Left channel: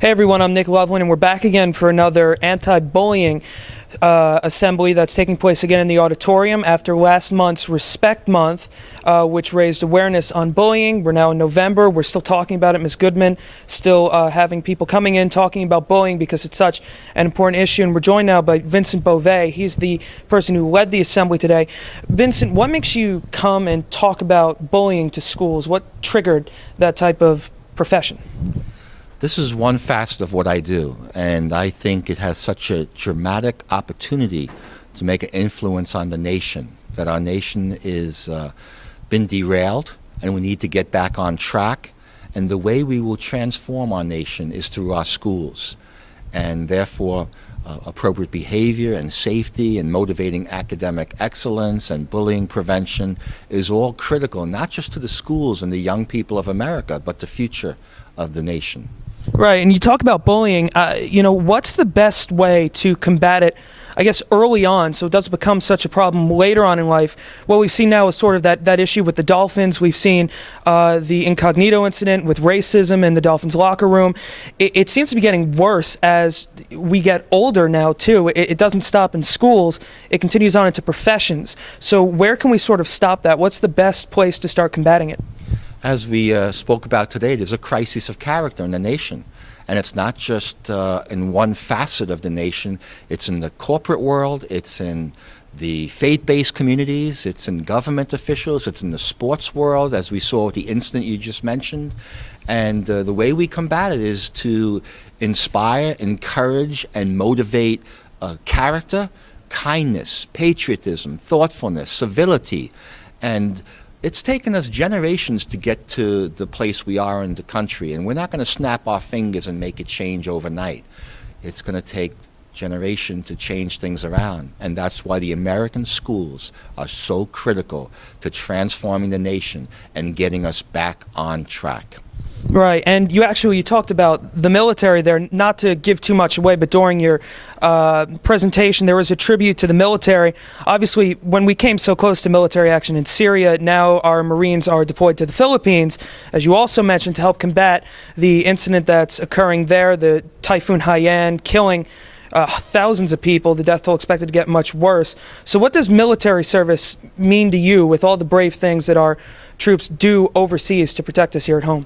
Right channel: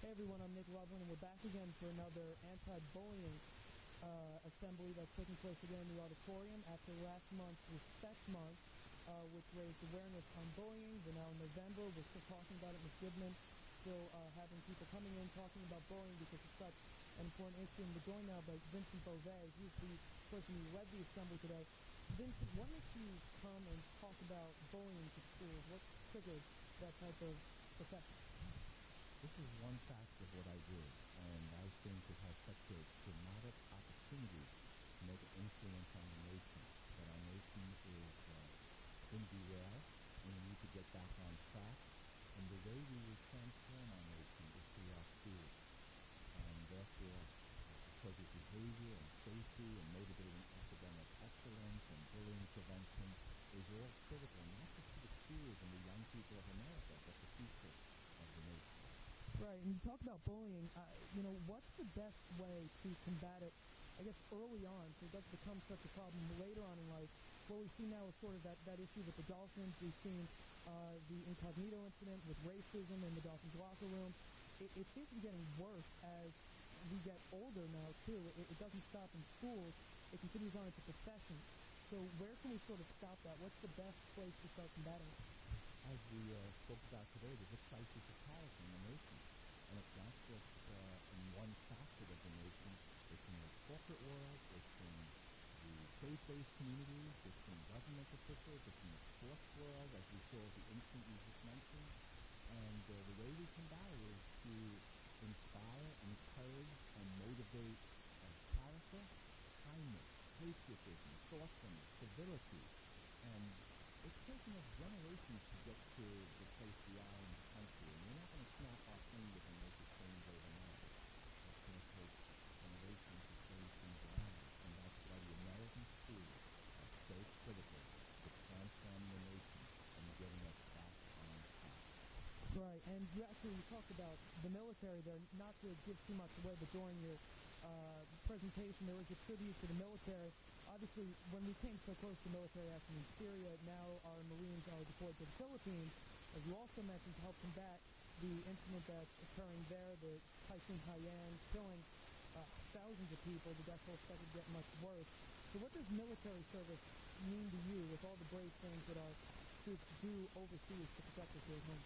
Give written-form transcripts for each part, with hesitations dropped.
Hey everyone, I'm Nick Loveland, and we're back again for another anti-bullying assembly that's taking place again in the auditorium after last month's Respect Month, which raised awareness on bullying. We're now in November. We're still talking about it. Ms. Goodman still having people coming in talking about bullying because it's such an important issue. And we're joined now by Vincent Bove. He's the person who led the assembly today. Vincent, what makes you come and talk about bullying to schools? What triggered that type of profession? This is one facet of what I do, and I think it has such a dramatic opportunity to make an influence on the nation, that our nation is been derailed and we need to get back on track. And the way we will transform our nation is through our schools. And therefore, appropriate behavior and safety and motivating academic excellence and bullying prevention is all critical, not just to the schools and the young people of America, but the future of the nation. Right, and you talk about bullying, what's the best way to combat it, I guess, early on, so it doesn't become such a problem later on in life? What we've seen now is sort of that issue with the Dolphins. We've seen the incognito incident with racism in the Dolphins locker room. It seems to be getting worse as we get older now, too. It doesn't stop in schools. It continues on into professions. So where can we sort of stop that? What's the best place to start combating it? As we spoke about today, there's a crisis of character in the nation. And it's not just in one facet of the nation. It's in the corporate world, it's in the faith-based communities, it's in government officials, it's in the sports world, as we saw with the incident you just mentioned. And the way we combat it is to inspire, encourage, and motivate character, kindness, patriotism, thoughtfulness, civility. And it's taken us generations to get to the place we are in the country, and we're not going to snap our fingers and make it change overnight. It's going to take generation to change things around, and that's why the American schools are so critical to transforming the nation and getting us back on track. Right, and you talked about the military there, not to give too much away, but during your presentation there was a tribute to the military. Obviously, when we came so close to military action in Syria, now our Marines are deployed to the Philippines, as you also mentioned, to help combat the incident that's occurring there, the Typhoon Haiyan killing thousands of people, the death toll expected to get much worse. So what does military service mean to you with all the brave things that our troops do overseas to protect us here at home?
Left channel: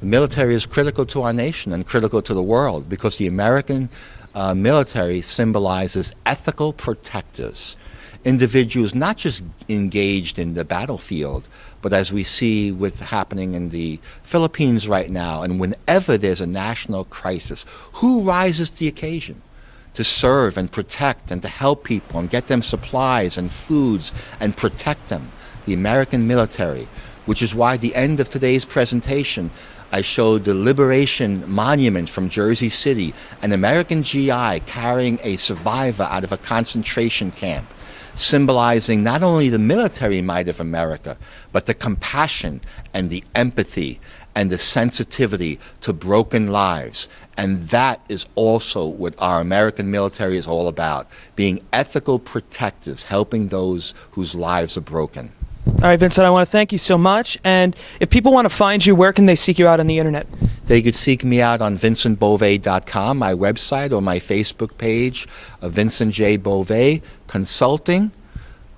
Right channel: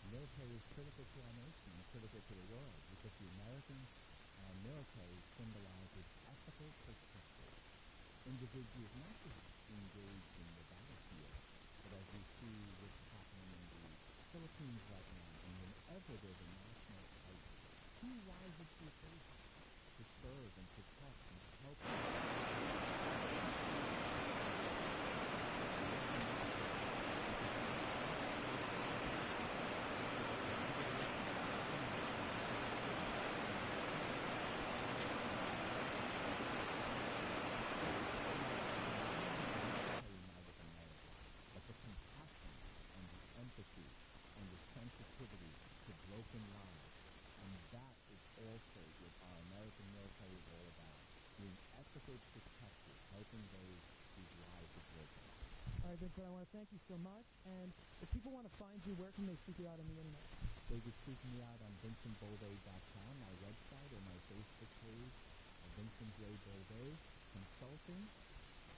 The military is critical to our nation and critical to the world because the American military symbolizes ethical protectors, individuals not just engaged in the battlefield, but as we see with happening in the Philippines right now, and whenever there's a national crisis, who rises to the occasion to serve and protect and to help people and get them supplies and foods and protect them? The American military, which is why at the end of today's presentation, I showed the Liberation Monument from Jersey City, an American GI carrying a survivor out of a concentration camp, symbolizing not only the military might of America, but the compassion and the empathy and the sensitivity to broken lives. And that is also what our American military is all about, being ethical protectors, helping those whose lives are broken. All right, Vincent, I want to thank you so much. And if people want to find you, where can they seek you out on the internet? They could seek me out on vincentbove.com, my website, or my Facebook page, Vincent J. Bove, Consulting,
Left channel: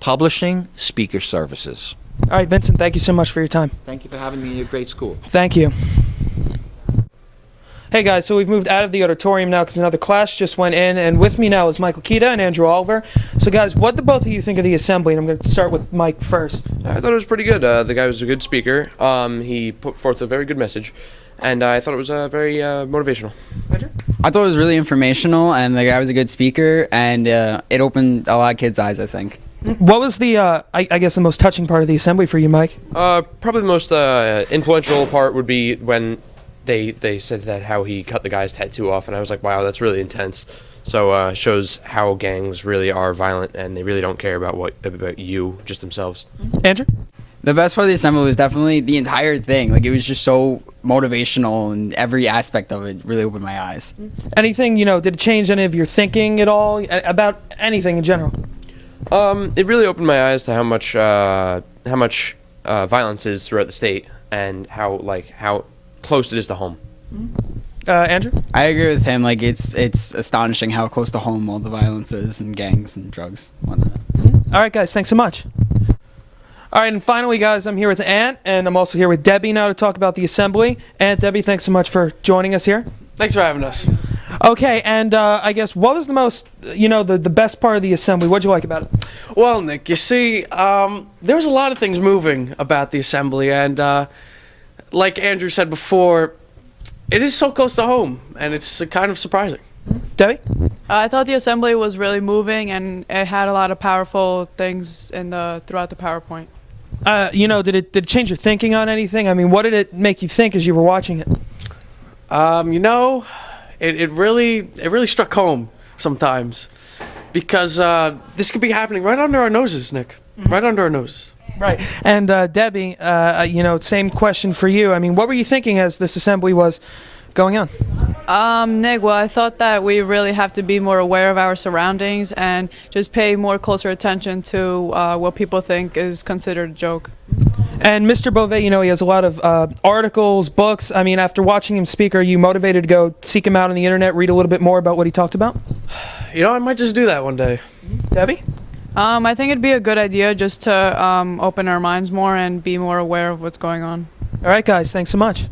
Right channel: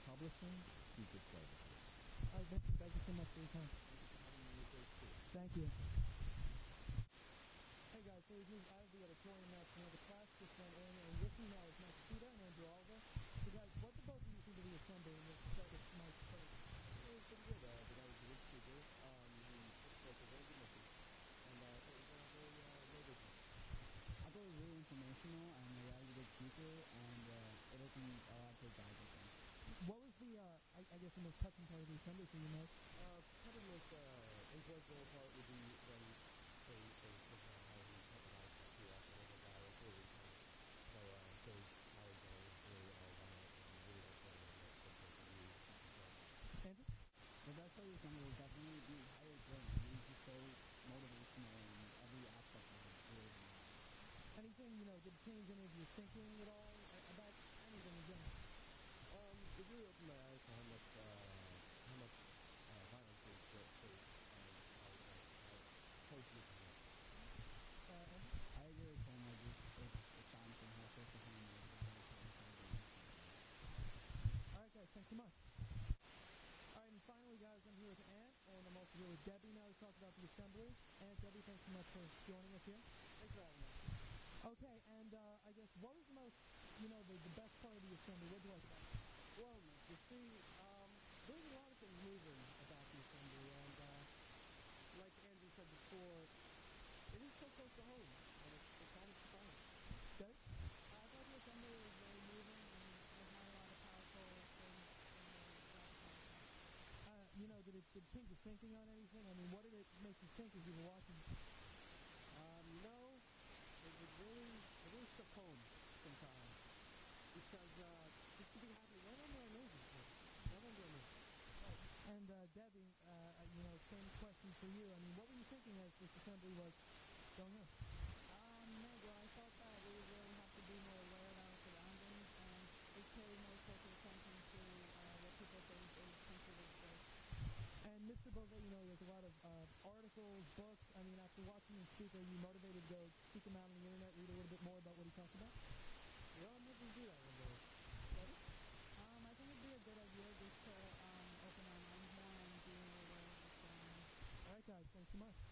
Publishing, Speaker Services. All right, Vincent, thank you so much for your time. Thank you for having me in your great school. Thank you. Hey guys, so we've moved out of the auditorium now because another class just went in, and with me now is Michael Kita and Andrew Oliver. So guys, what did both of you think of the assembly? And I'm going to start with Mike first. I thought it was pretty good. The guy was a good speaker. He put forth a very good message, and I thought it was very motivational. Andrew? I thought it was really informational, and the guy was a good speaker, and it opened a lot of kids' eyes, I think. What was the, I guess, the most touching part of the assembly for you, Mike? Probably the most influential part would be when they said that how he cut the guy's tattoo off, and I was like, wow, that's really intense. So shows how gangs really are violent, and they really don't care about you, just themselves. Andrew? The best part of the assembly was definitely the entire thing. Like, it was just so motivational, and every aspect of it really opened my eyes. Anything, did it change any of your thinking at all about anything in general? It really opened my eyes to how much violence is throughout the state, and how close it is to home. Andrew? I agree with him. Like it's astonishing how close to home all the violence is and gangs and drugs. Whatnot. All right, guys, thanks so much. All right, and finally, guys, I'm here with Ant, and I'm also here with Debbie now to talk about the assembly. Ant, Debbie, thanks so much for joining us here. Thanks for having us. Okay, and I guess what was the most, the best part of the assembly? What'd you like about it? Well, Nick, you see, there was a lot of things moving about the assembly, and like Andrew said before, it is so close to home, and it's kind of surprising. Debbie? I thought the assembly was really moving, and it had a lot of powerful things throughout the PowerPoint. Did it change your thinking on anything? I mean, what did it make you think as you were watching it? It really struck home sometimes, because this could be happening right under our noses, Nick. Right under our noses. Right. And Debbie, same question for you. I mean, what were you thinking as this assembly was going on? Nick, well, I thought that we really have to be more aware of our surroundings and just pay more closer attention to what people think is considered a joke. And Mr. Bove, he has a lot of articles, books. I mean, after watching him speak, are you motivated to go seek him out on the internet, read a little bit more about what he talked about? I might just do that one day. Debbie? I think it'd be a good idea just to open our minds more and be more aware of what's going on. All right, guys, thanks so much.